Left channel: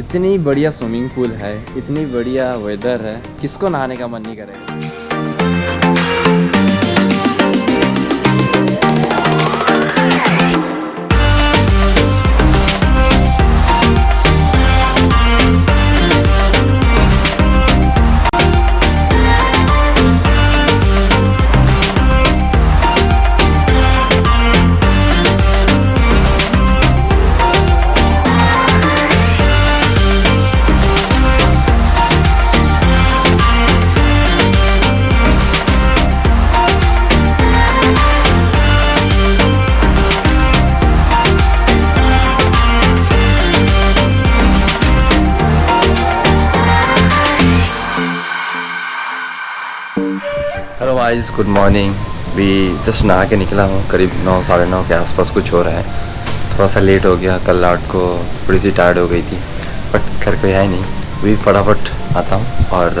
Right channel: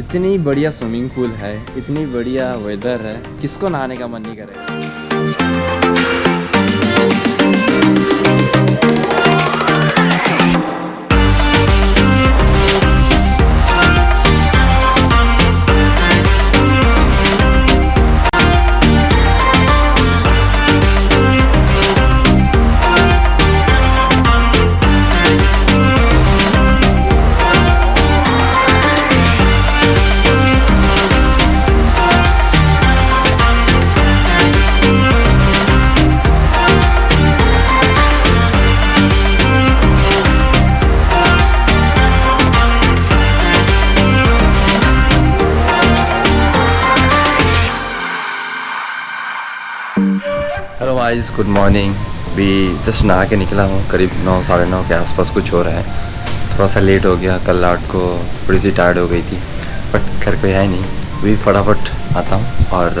इतनी बढ़िया swimming pool है, इतनी बढ़िया वेदर है, किसको नहाने का मन नहीं करेगा। Hello guys, good morning. भी जस्ट नहा के निकला हूँ, करीब 9 साढ़े 9 के आसपास कुछ हो रहा है। थोड़ा सा लेट हो गया, कल रात को थोड़ी सी टायर्ड हो गई थी, बट घर पे है नहीं। भी फटाफट आता हूँ और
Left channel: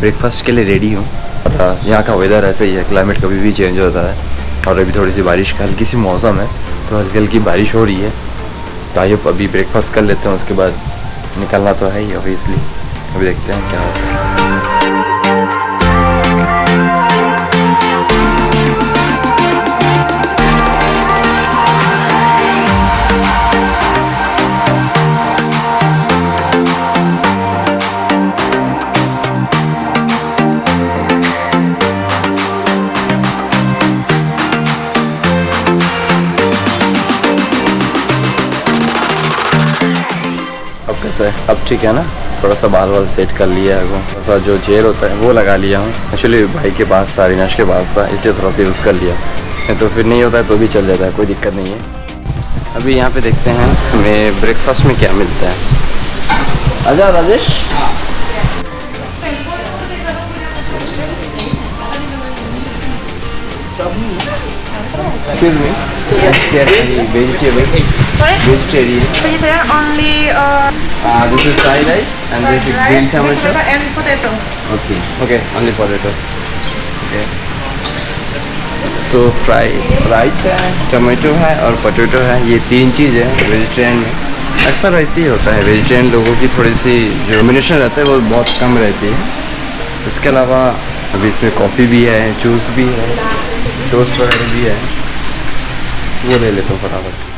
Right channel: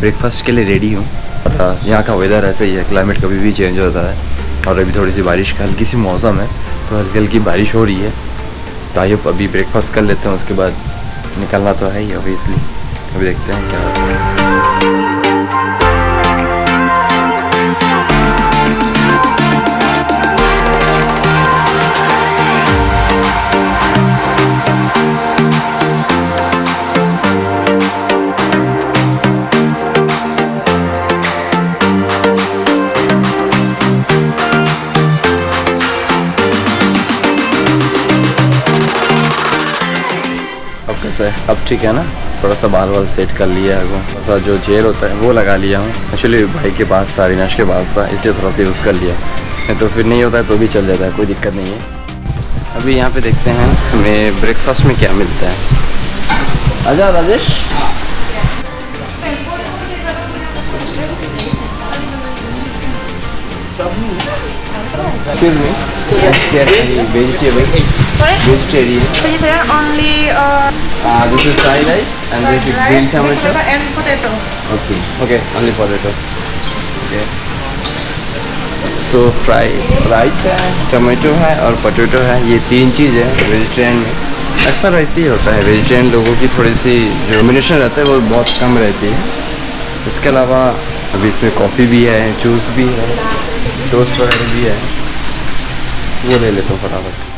ब्रेकफास्ट के लिए रेडी हूँ। और यहाँ का वेदर ऐसे ही है, क्लाइमेट कभी भी चेंज होता है। और अभी थोड़ी सी बारिश का हल्की सी मौसम है, तो हल्की हल्की बारिश हो रही है। तो आइए अभी ब्रेकफास्ट कर लेते हैं, उसके बाद निकलना तो है ही ऑब्वियसली। अभी देखते हैं क्या होता है। अब कैसा है? अब ठीक है ना? थोड़ा सा बाल वाल सेट कर लिया है, वो थोड़ा सा जो जेल होता है वो लगा लिया हूँ। एक्चुअली भाई के पास था, रिनाश के पास था, इसलिए थोड़ा सा यूज़ कर लिया। नहीं तो फिर नहीं होता है तो भी चल जाता है, कोई दिक्कत नहीं है। अभी यहाँ पे देखते हैं हमें ब्रेकफास्ट में क्या मिलता है। आजा Rajesh. Excuse me. Vegetarian. Sorry? Vegetarian. Vegetarian only This is fried rice and this is green tomato. and potato. Okay. Okay. Only potato. Okay. तो फ्राई राइस है, टमाटो है और पोटैटो है, ये 3 चीज़ है वेजिटेरियन में। अक्सर वैसे ही होता है, वेजिटेरियन लोगों की थोड़ी सी जो कॉम्बिनेशन रहता है वो बहुत कम रहती है। इसके अलावा अभी इसमें कॉफ़ी भी है, जूस भी है, टोस्ट वगैरह भी है, वो ले लेता हूँ फटाफट।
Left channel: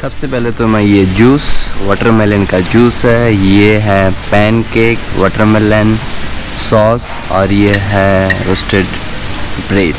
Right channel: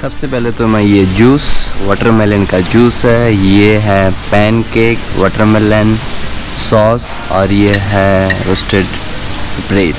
सबसे पहले तो मैं ये जूस, वाटरमेलन का जूस है, ये है पैनकेक, वाटरमेलन सॉस और ये है रोस्टेड ब्रेड।